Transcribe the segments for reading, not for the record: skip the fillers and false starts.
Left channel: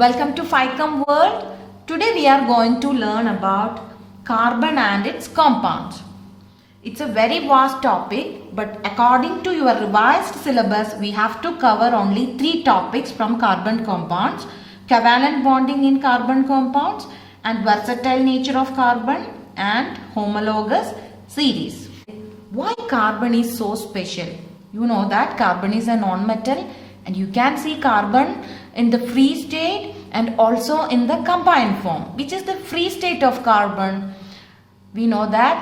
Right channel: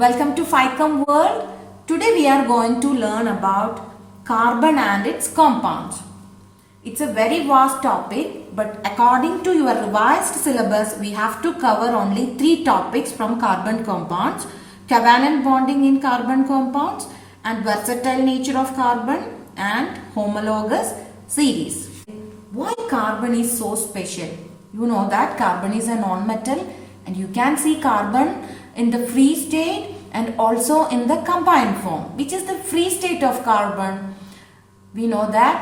Welcome to FICOM World. Today we are going to learn about carbon and its compounds. It's a very vast topic, but according to your revised syllabus, we have to cover only 3 topics from carbon compounds: covalent bonding in carbon compounds, and versatile nature of carbon, and homologous series. Why carbon is so special? You know that carbon is a non-metal, and you can see carbon in the free state and also in the combined form. Which is the free state of carbon? We know that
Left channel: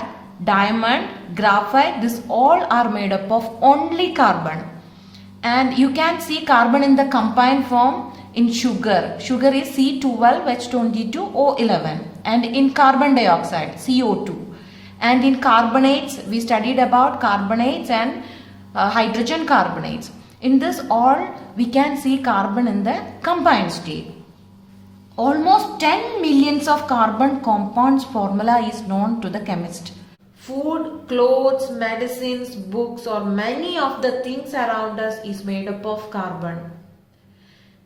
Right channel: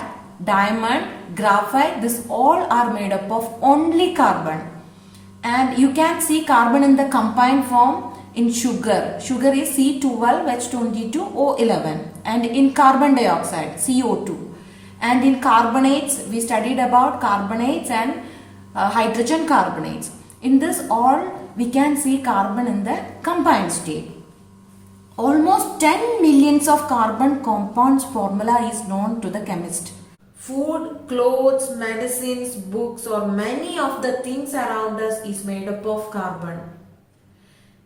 diamond, graphite, this all are made up of only carbon. And you can see carbon in the combined form in sugar. Sugar is C12H22O11, and in carbon dioxide, CO2. And in carbonates, we studied about carbonates and hydrogen carbonates. In this all, we can see carbon in the combined state. Almost 10 millions of carbon compounds formula is known to the chemist. Food, clothes, medicines, books, or many of the things around us is made up of carbon.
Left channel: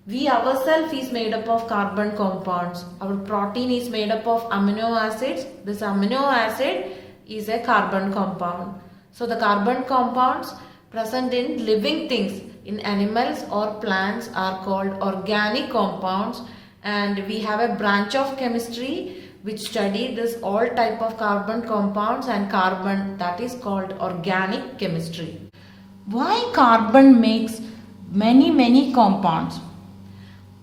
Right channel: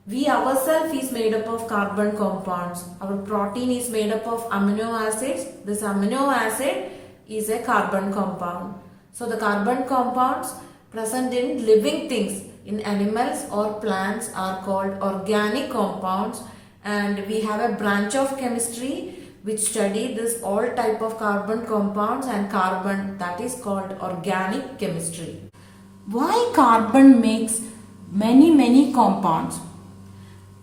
We ourselves is made up of carbon compounds. Our protein is made up of amino acids. This amino acid is a carbon compound. So the carbon compounds present in living things, in animals or plants, are called organic compounds. And we have a branch of chemistry which study this all type of carbon compounds and carbon, that is called organic chemistry. Why carbon makes many compounds?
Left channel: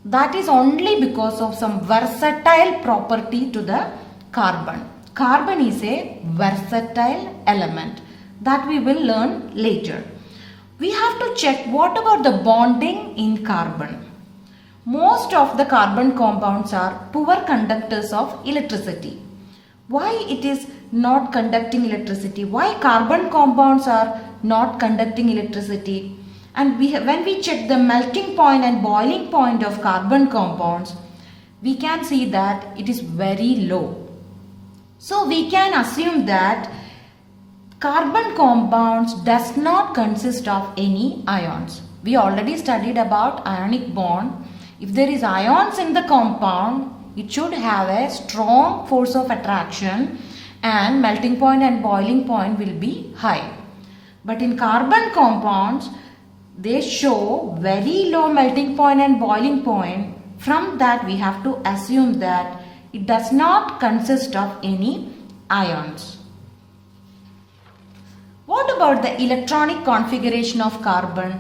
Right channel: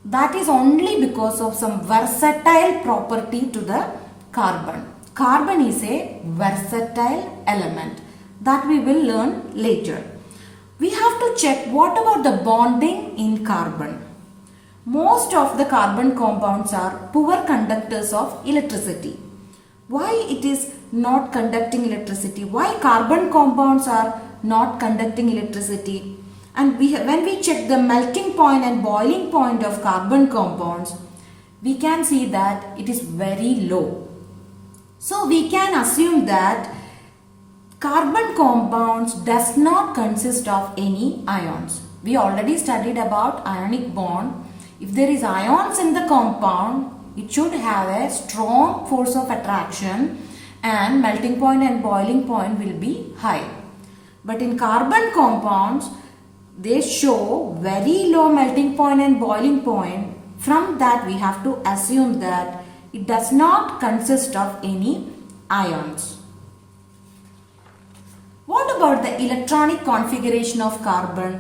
That is only because of some versatile property to the carbon. Carbon is a versatile element that we will learn later. We have to check what about the bonding in carbon. Most of the carbon compounds are poor conductors of electricity. Why it is not conducting electricity? Why carbon compounds are not conducting electricity? And when we check the melting point and boiling point of carbon compounds, we can see that it is very low. So we can assume that carbon compounds does not consist of any ions. We already studied about ionic bond. If there is ions in the compound, it should have a strong force of attraction and melting point and boiling point will be high. But in carbon compounds, they show very low melting point and boiling point. From that, we have to assume that it does not consist of any ions. What about the electronic configuration of carbon?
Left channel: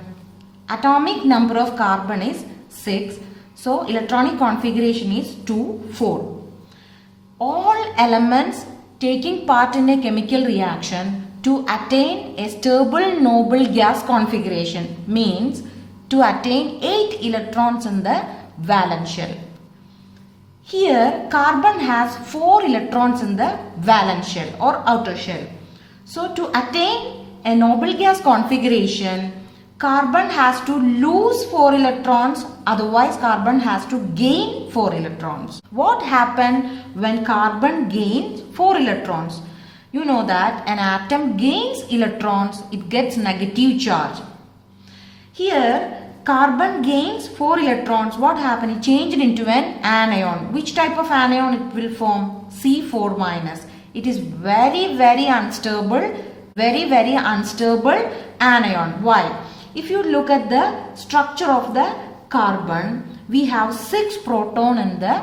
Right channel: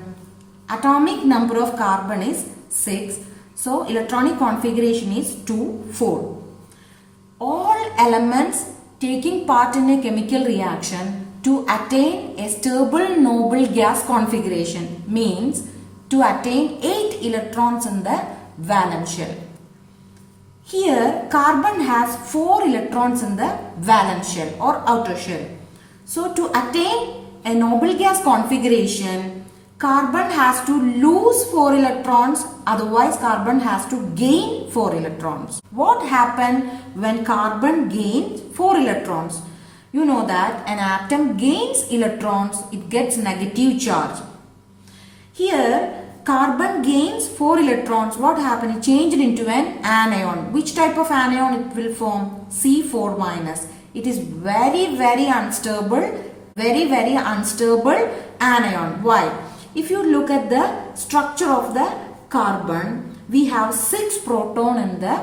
Atomic number of carbon is 6. So electronic configuration is 2, 4. All elements taking part in a chemical reaction to attain a stable noble gas configuration means to attain 8 electrons in the valence shell. Here carbon has 4 electrons in the valence shell or outer shell. So to attain a noble gas configuration, carbon has to lose 4 electrons, otherwise carbon has to gain 4 electrons. What happens when carbon gains 4 electrons? You know that an atom gains electrons, it gets negative charge. Here carbon gains 4 electrons. What happened? It changed into an anion. Which type of anion it will form? C4 minus. It is very unstable, very unstable anion. Why? If you look at the structure of the carbon, we have 6 proton in the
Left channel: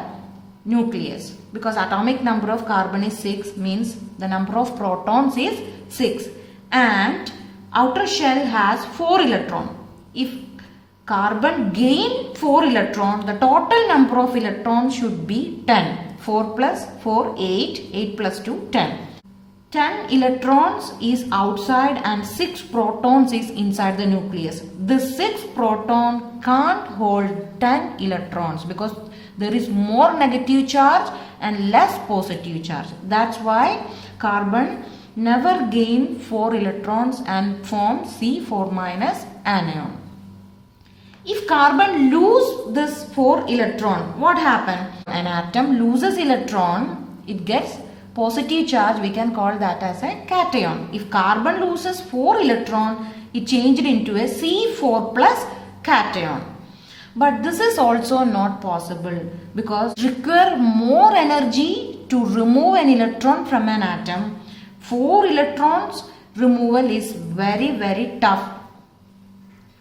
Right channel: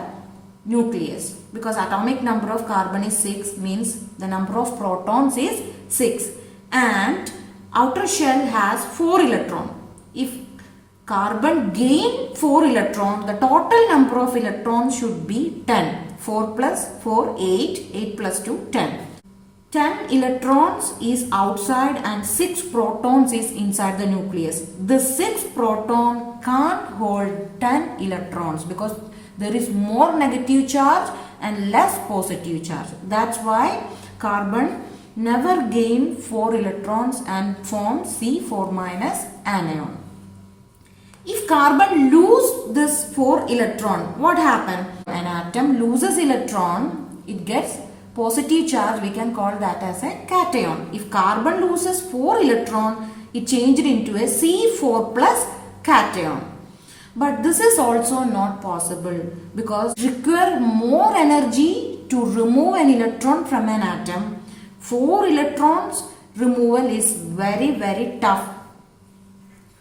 nucleus. Because atomic number of carbon is 6, means the number of protons is 6. And outer shell has 4 electron. If carbon gain 4 electrons, the total number of electrons should be 10. 4 plus 4, 8. 8 plus 2, 10. 10 electrons is outside and 6 protons is inside the nucleus. This 6 proton can't hold 10 electrons because there is more negative charge and less positive charge. That's why carbon never gain 4 electrons and form C4 minus anion. If carbon lose this 4 electron, what happens? An atom loses electron, it gets positive charge, we can call that as a cation. If carbon loses 4 electron, it changed into a C4 plus cation. But this is also not possible because require more energy to remove an electron from an atom. 4 electrons removal is very tough.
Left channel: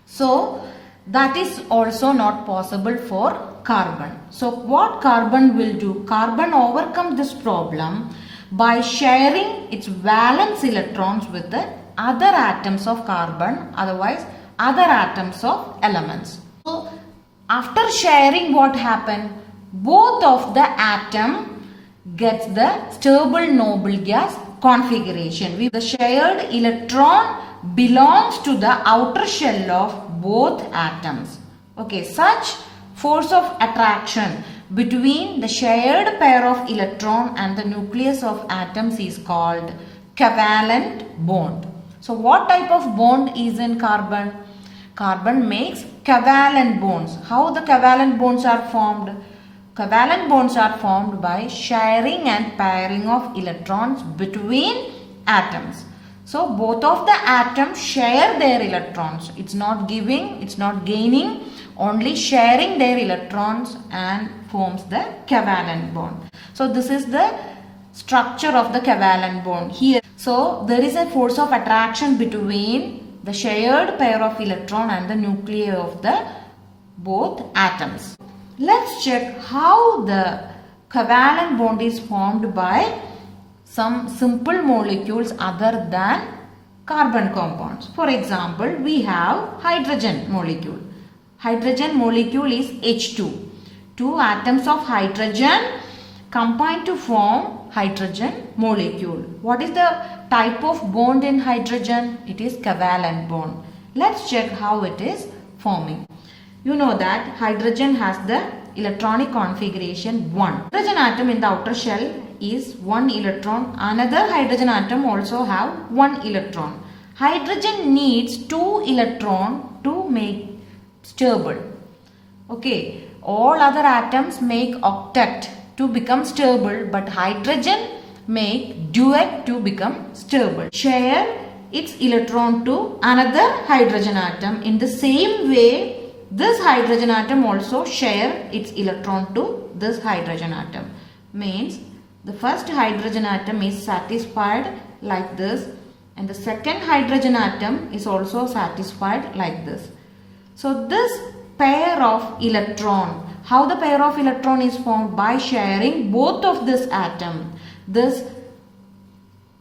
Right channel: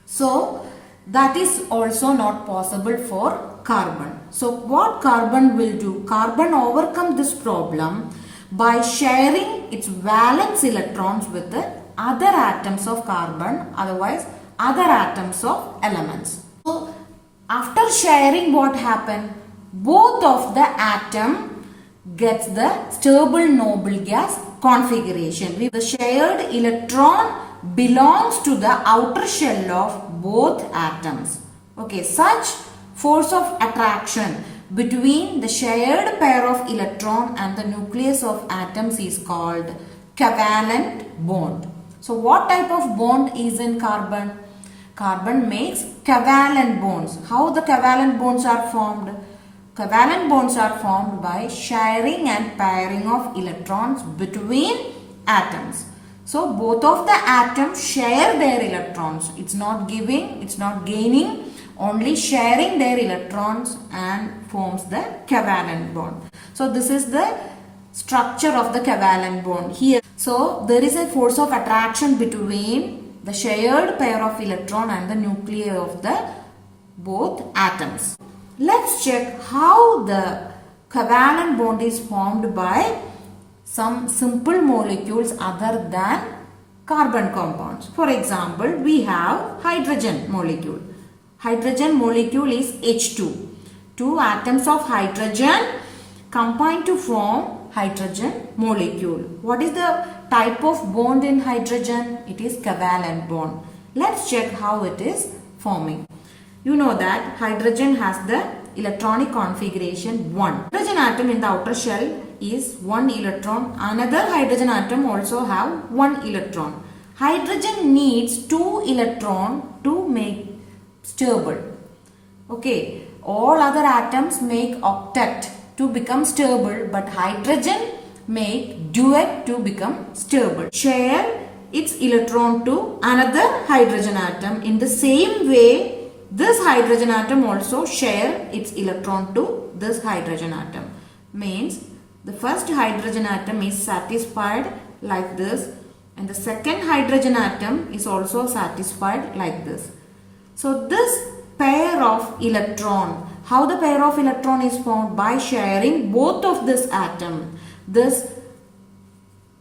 So that is also not possible for carbon. So what carbon will do? Carbon overcome this problem by sharing its valence electrons with the other atoms of carbon, otherwise other atoms of elements. So after sharing, what happened? Both of the atom gets the stable noble gas configuration. The shared electron belongs to the outer shell of both atoms. Okay, such force of attraction between the shared pair of electron and the nucleus of atoms is called covalent bond. So what type of bond is in carbon? Carbon makes covalent bonds. How the covalent bonds are formed? Covalent bonds are formed by sharing and pairing of electrons between atoms. So both of the atoms share their electrons. It's not giving, it's not gaining, only sharing their electrons and forms the covalent bond. So this is the structure of the covalent bond here. So there is a force of attraction between the shared pair of electron and the nuclei of the both atoms. Let's check how the covalent bond is formed by some simple molecules other than carbon compounds. For example, we have hydrogen molecule. Hydrogen molecule is H2. Two atoms of hydrogen combine to form hydrogen molecule. What is the type of bond in hydrogen? It is covalent bond. Let's check how it is forming. You know that hydrogen has the electronic configuration 1. Hydrogen atom in the outer shell is 1 electron. Another hydrogen atom also have 1 electron. Hydrogen needs 2 electron to make stable. Okay, all other atoms make octet to become stable, but hydrogen make duet to become stable. Share its electron to another hydrogen atom. In the same way, this hydrogen atom also share its electron to this hydrogen atom. Means the first hydrogen atom is satisfied like this, and the second hydrogen atom is also satisfied like this. So this pair of electron, how the pair of electron is formed? By sharing both of this atom. This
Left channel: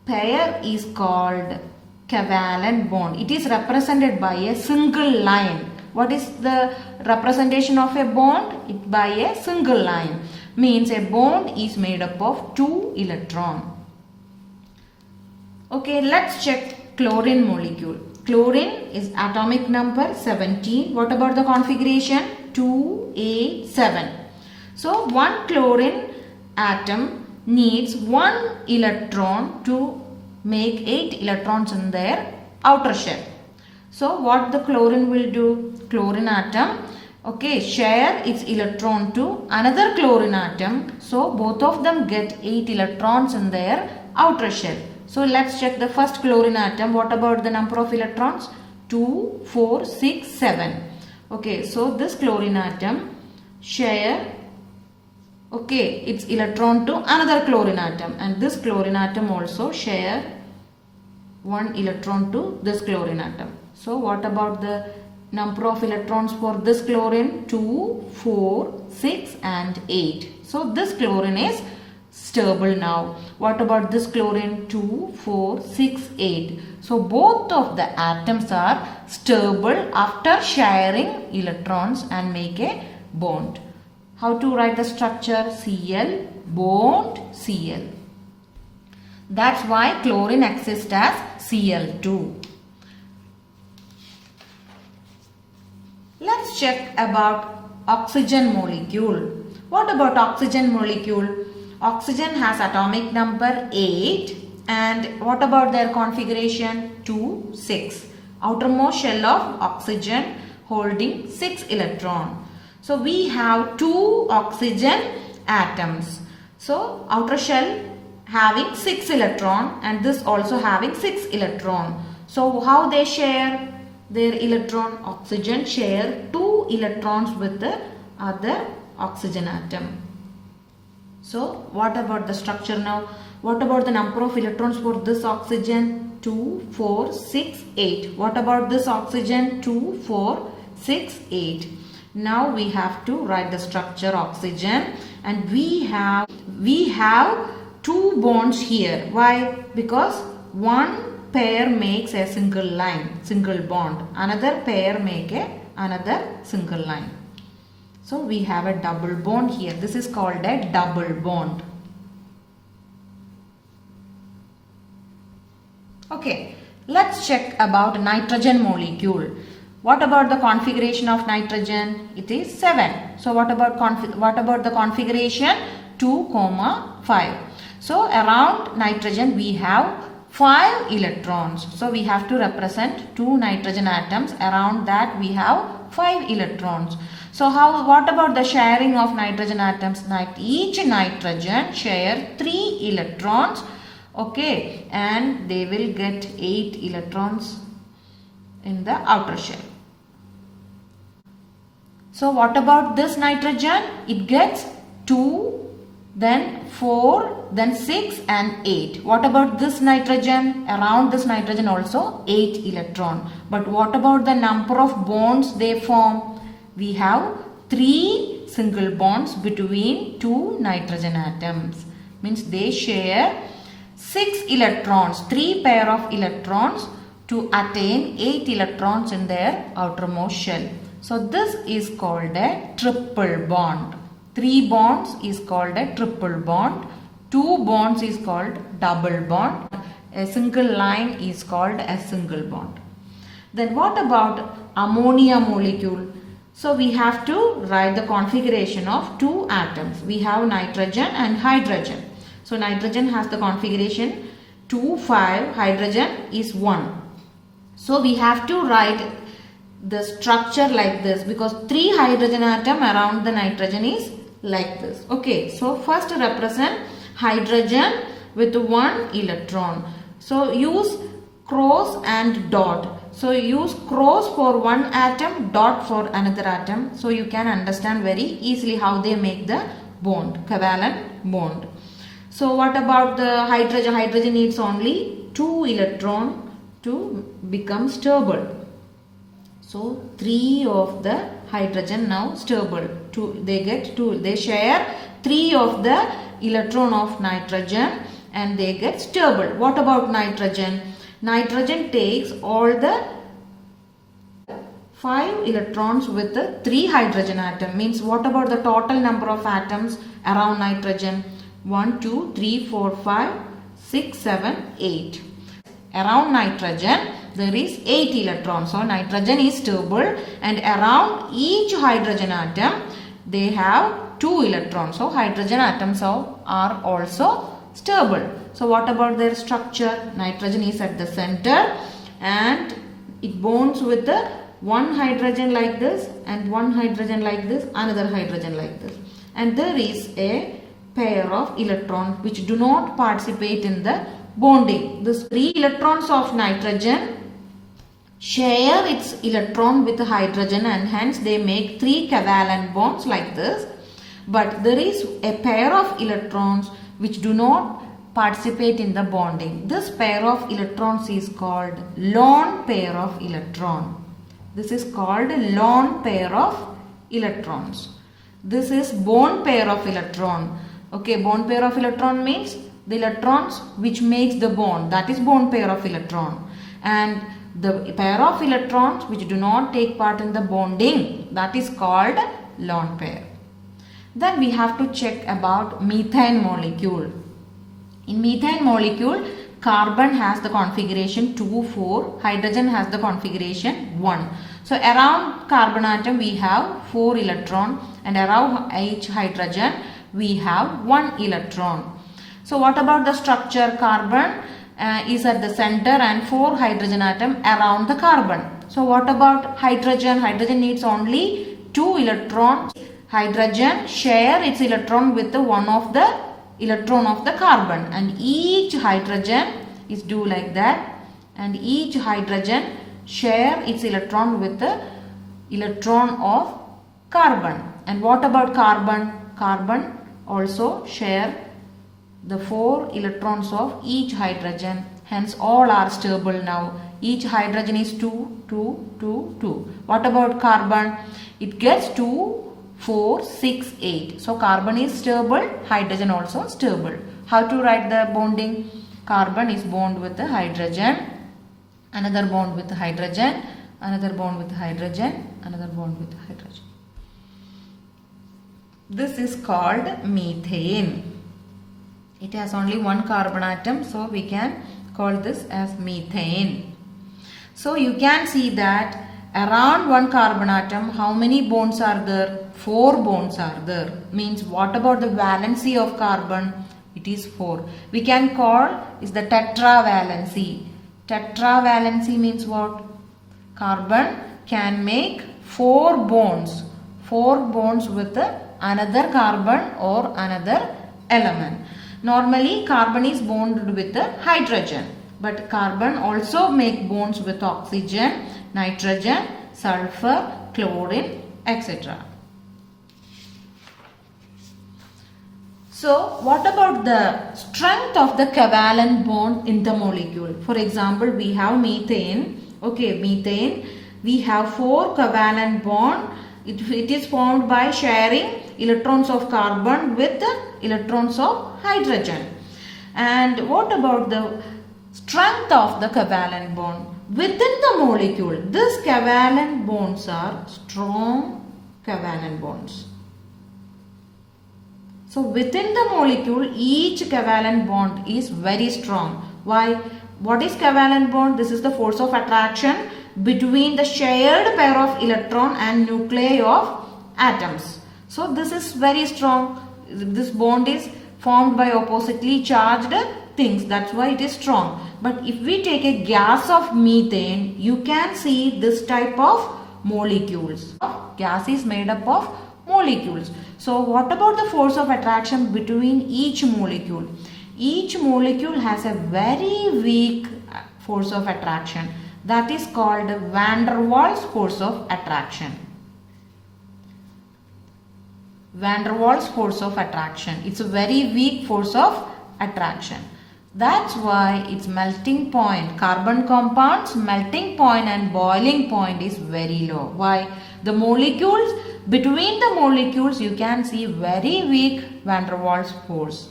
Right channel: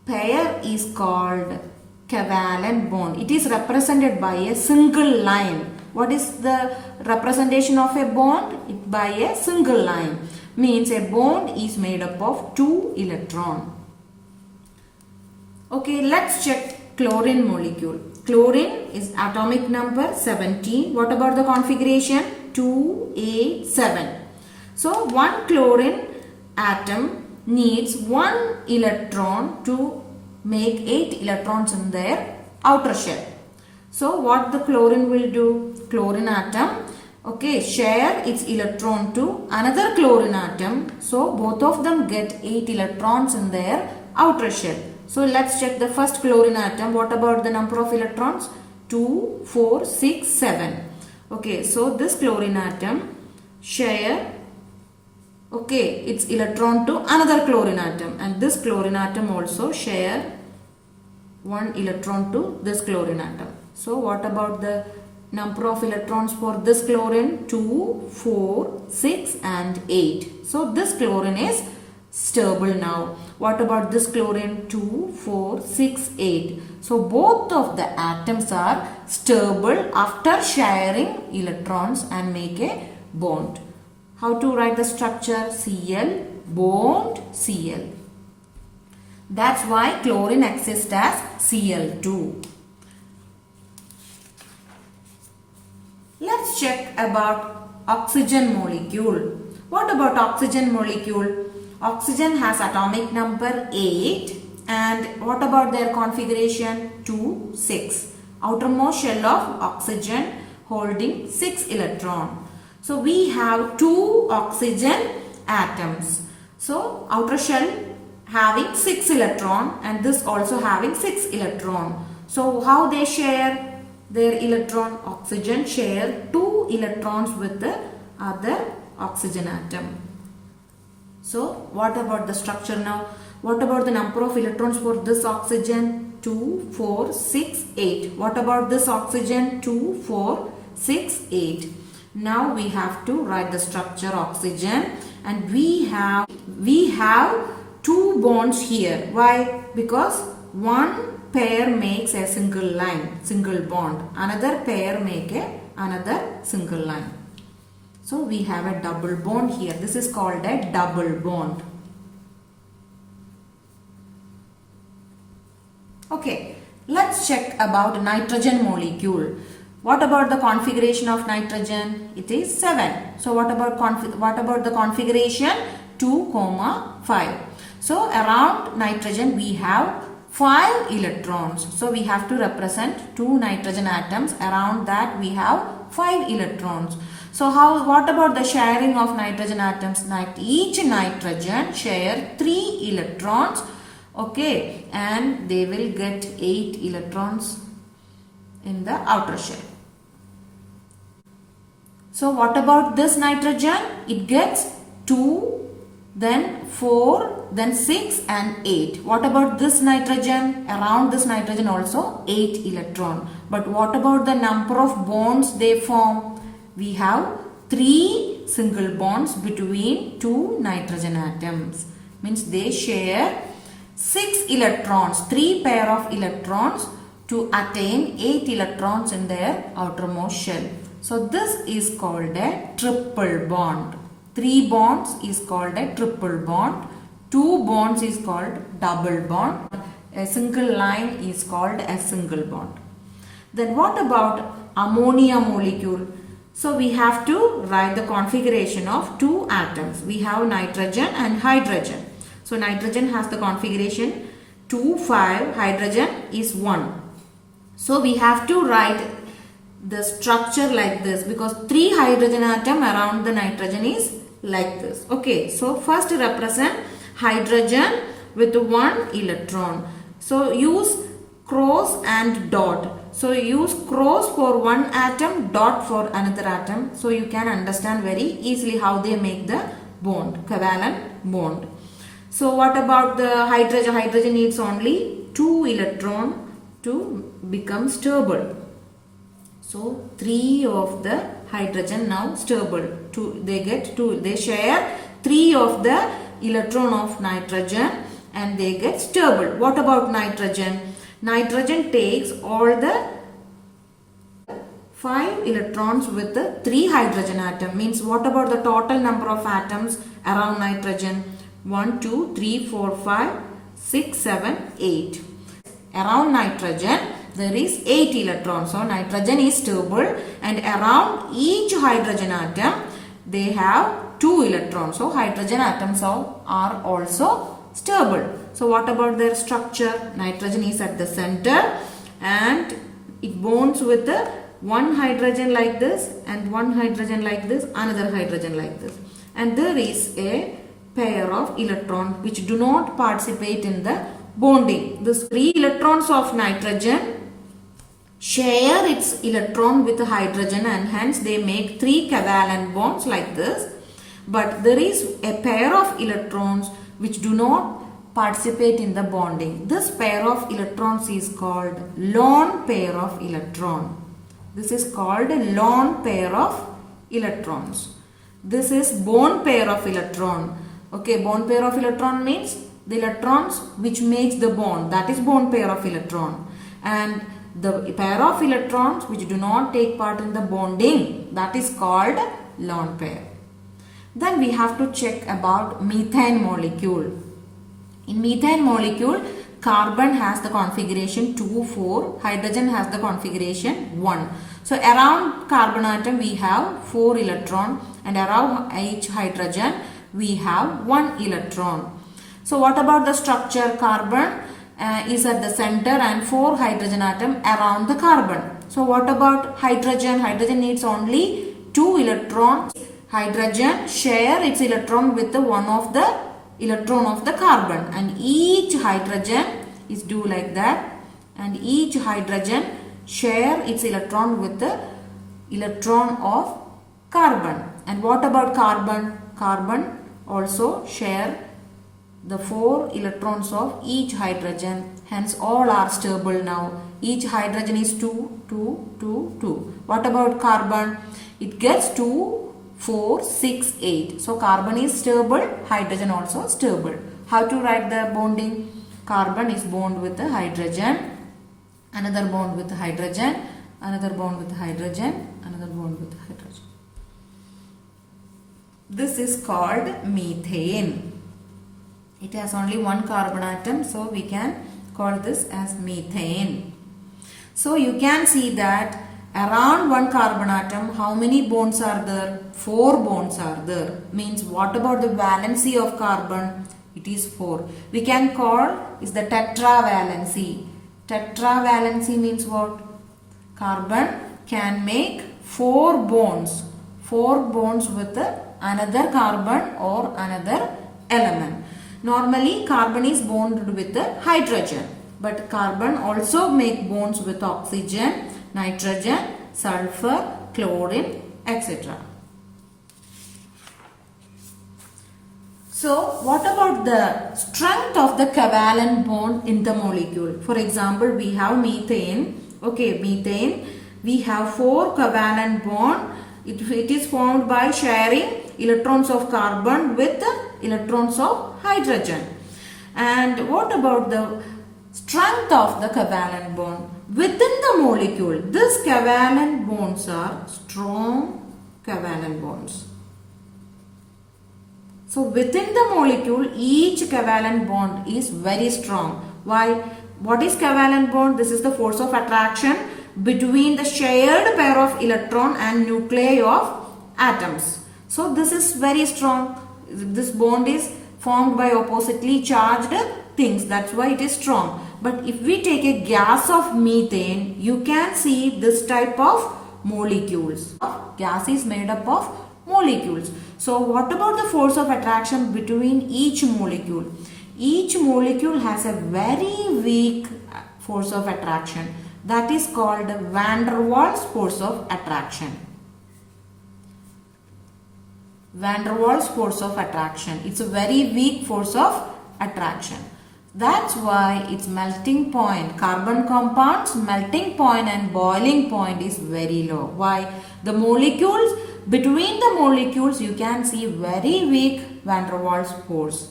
pair is called covalent bond. It is represented by a single line. What is the representation of a bond? By a single line. Means a bond is made up of 2 electrons. Okay, let's check chlorine molecule. Chlorine is atomic number 17. What about the configuration? 2A7. So one chlorine atom needs 1 electron to make 8 electrons in their outer shell. So what the chlorine will do? Chlorine atom, okay, share its electron to another chlorine atom. So both of them get 8 electrons in their outer shell. So let's check the first chlorine atom. What about the number of electrons? 2, 4, 6, 7. Okay, so this chlorine atom share, okay, its electron to another chlorine atom, and this chlorine atom also share 1 electron to this chlorine atom. So what about the number of electrons for this chlorine? 2, 4, 6 and 8. So this chlorine is stable now. What about this chlorine? 2, 4, 6, 8. So both of the atoms are stable after sharing electrons and make a bond. How to write the structure? Cl bond Cl. That's why chlorine exists as Cl2. Let's check about oxygen molecule. What about oxygen molecule? Oxygen has atomic number 8, and what about their configuration? 2, 6. Outermost shell of oxygen holding 6 electron. So we have 2 oxygen atoms. So outer shell having 6 electron and this also having 6 electron. So how they share their electron? Oxygen share 2 electrons with the other oxygen atom. So what about the structure now? What about the number of electrons for this oxygen? 2, 4, 6, 8. What about this oxygen? 2, 4, 6, 8. Now we have to write the structure oxygen, and we have two bonds here. Why? Because one pair makes a single line, single bond. Another pair make another single line. So we have a double bond here. This is called a double bond. Okay, let's check about nitrogen molecule. What about the configuration of nitrogen? It is 7. So what about the configuration? 2, 5. So around nitrogen we have 5 electrons. So we have to represent 2 nitrogen atoms. Around that we have 5 electrons. So what about the sharing of nitrogen atoms? Each nitrogen share 3 electrons. Okay, and they will get 8 electrons in the outer shell. So what about this nitrogen? It gets 2, then 4, then 6 and 8. What about this nitrogen? Around this nitrogen also 8 electron. But what about the number of bonds they form? We have 3 single bonds between 2 nitrogen atoms. Means they share 6 electrons, 3 pair of electrons to attain 8 electrons in their outermost shell. So this is called a triple bond. 3 bonds is called a triple bond. 2 bonds is called double bond. A single line is called a single bond. Then what about ammonia molecule? So we have to write the configuration of 2 atoms. We have nitrogen and hydrogen. So nitrogen has the configuration 2, 5, hydrogen is 1. So we have to write the structure like this, because 3 hydrogen atom around the nitrogen is like this. Okay, so first represent hydrogen with 1 electron. So use cross and dot. So use cross for one atom, dot for another atom. So you can understand very easily how they make the bond, covalent bond. So what about the hydrogen? Hydrogen needs only 2 electrons to become stable. So 3 of the hydrogen now stable. They share 3 of the electron of nitrogen and they get stable. What about nitrogen? Nitrogen takes all the 5 electrons with the 3 hydrogen atom. Means what about the total number of atoms around nitrogen? 1, 2, 3, 4, 5, 6, 7, 8. Around nitrogen there is 8 electrons. So nitrogen is stable, and around each hydrogen atom they have 2 electrons. So hydrogen atoms are also stable. So what about their structure? Nitrogen is at the center and it bonds with the one hydrogen like this and one hydrogen like this, another hydrogen like this. And there is a pair of electrons which do not participate in the bonding. These 3 electrons of nitrogen share its electron with hydrogen and hence they make 3 covalent bonds like this. But there is a pair of electrons which do not participate in the bonding. This pair of electrons is called lone pair of electron. This is called lone pair of electrons. This is bond pair of electron. Okay, bond pair of electron means the electrons which makes the bond, that is bond pair of electron. And the pair of electrons which do not take part in the bonding, that is called lone pair. Then we have to check about methane molecule. In methane molecule, carbon has the configuration 2, 4, hydrogen has the configuration 1. So around carbon atom we have 4 electron and around each hydrogen we have 1 electron. So what about the structure? Carbon is at the center and 4 hydrogen atom around the carbon. So what about hydrogen? Hydrogen needs only 2 electrons. Hydrogen share its electron with the one of the electron of the carbon, and each hydrogen is do like that, and each hydrogen share its electron with the electron of carbon. And what about carbon? Carbon also share the 4 electrons of each hydrogen. Hence all are stable now. Each hydrogen is 2, 2, 2, 2. What about carbon? It gets 2, 4, 6, 8. So carbon is stable, hydrogen also stable. How to write the bonding? Carbon is bond with the hydrogen, another bond with hydrogen, another bond with hydrogen, another bond with hydrogen. This is called methane. It has only one carbon atom, so we can call this as methane. So you can see that around one carbon atom, how many bonds are there? 4 bonds are there. Means what about the valency of carbon? It is 4. We can call is the tetravalency. Tetravalency means what? Carbon can make 4 bonds. 4 bonds with another carbon or another element. Normally carbon is bonded with the hydrogen. But carbon also make bonds with oxygen, nitrogen, sulfur, chlorine, etc. So what about the strength of the covalent bond in the molecule? For example, we have methane. Okay, methane. We have 4 covalent bond. It is formed by sharing electrons of carbon with electrons of hydrogen. And what about the strength of the covalent bond? Within the molecule, these covalent bonds are strong covalent bonds. So within the molecule, each covalent bond is very strong. Why? What is covalent bond? This is the force of attraction between the shared pair of electron and nuclei of atoms. So this is very strong. This bond is formed by oppositely charged things. That's why it is strong. But if we take a gas of methane, you can see this type of molecules. Gas is made up of molecules. So what about the force of attraction between each molecule? Each molecule has a very weak force of attraction. That is called van der Waals force of attraction. Van der Waals force of attraction. It's a very weak force of attraction. That's why its melting point, carbon compounds melting point and boiling point is very low. Why? The molecules, between the molecules you can see very weak van der Waals force.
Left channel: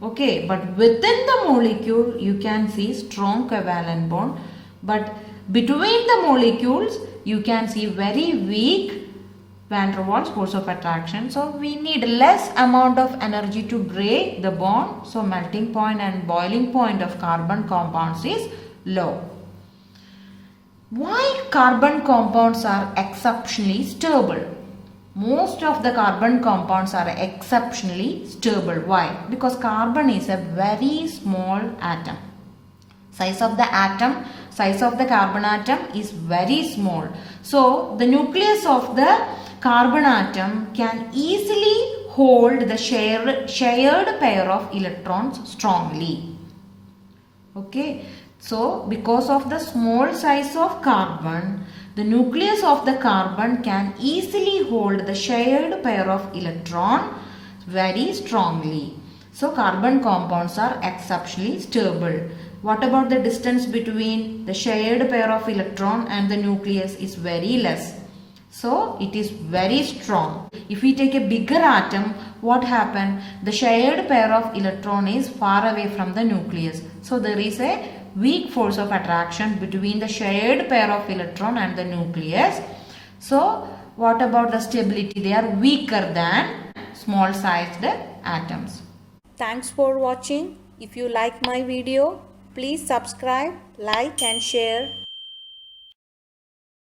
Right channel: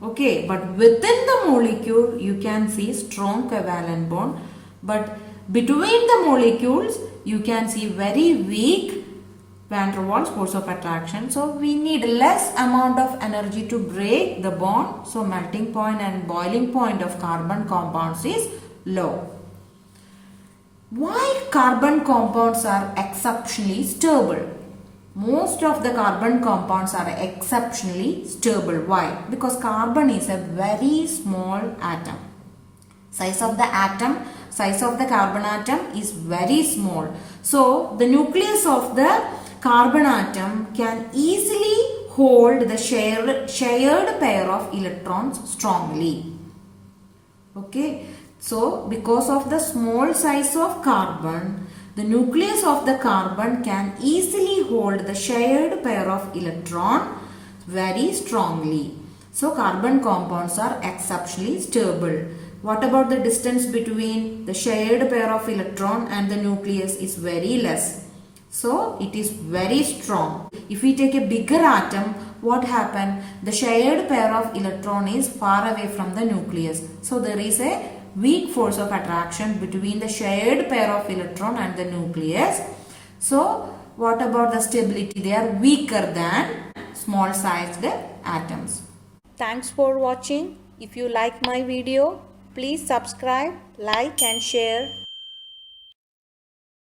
Okay, but within the molecule you can see strong covalent bond. But between the molecules you can see very weak van der Waals force of attraction. So we need less amount of energy to break the bond. So melting point and boiling point of carbon compounds is low. Why carbon compounds are exceptionally stable? Most of the carbon compounds are exceptionally stable. Why? Because carbon is a very small atom. Size of the atom, size of the carbon atom is very small. So the nucleus of the carbon atom can easily hold the shared pair of electrons strongly. Okay. So because of the small size of carbon, the nucleus of the carbon can easily hold the shared pair of electron very strongly. So carbon compounds are exceptionally stable. What about the distance between the shared pair of electron and the nucleus is very less. So it is very strong. If we take a bigger atom, what happened? The shared pair of electron is far away from the nucleus. So there is a weak force of attraction between the shared pair of electron and the nucleus. So what about the stability? They are weaker than small sized atoms. Thanks for watching. If you like my video, please subscribe, like and share.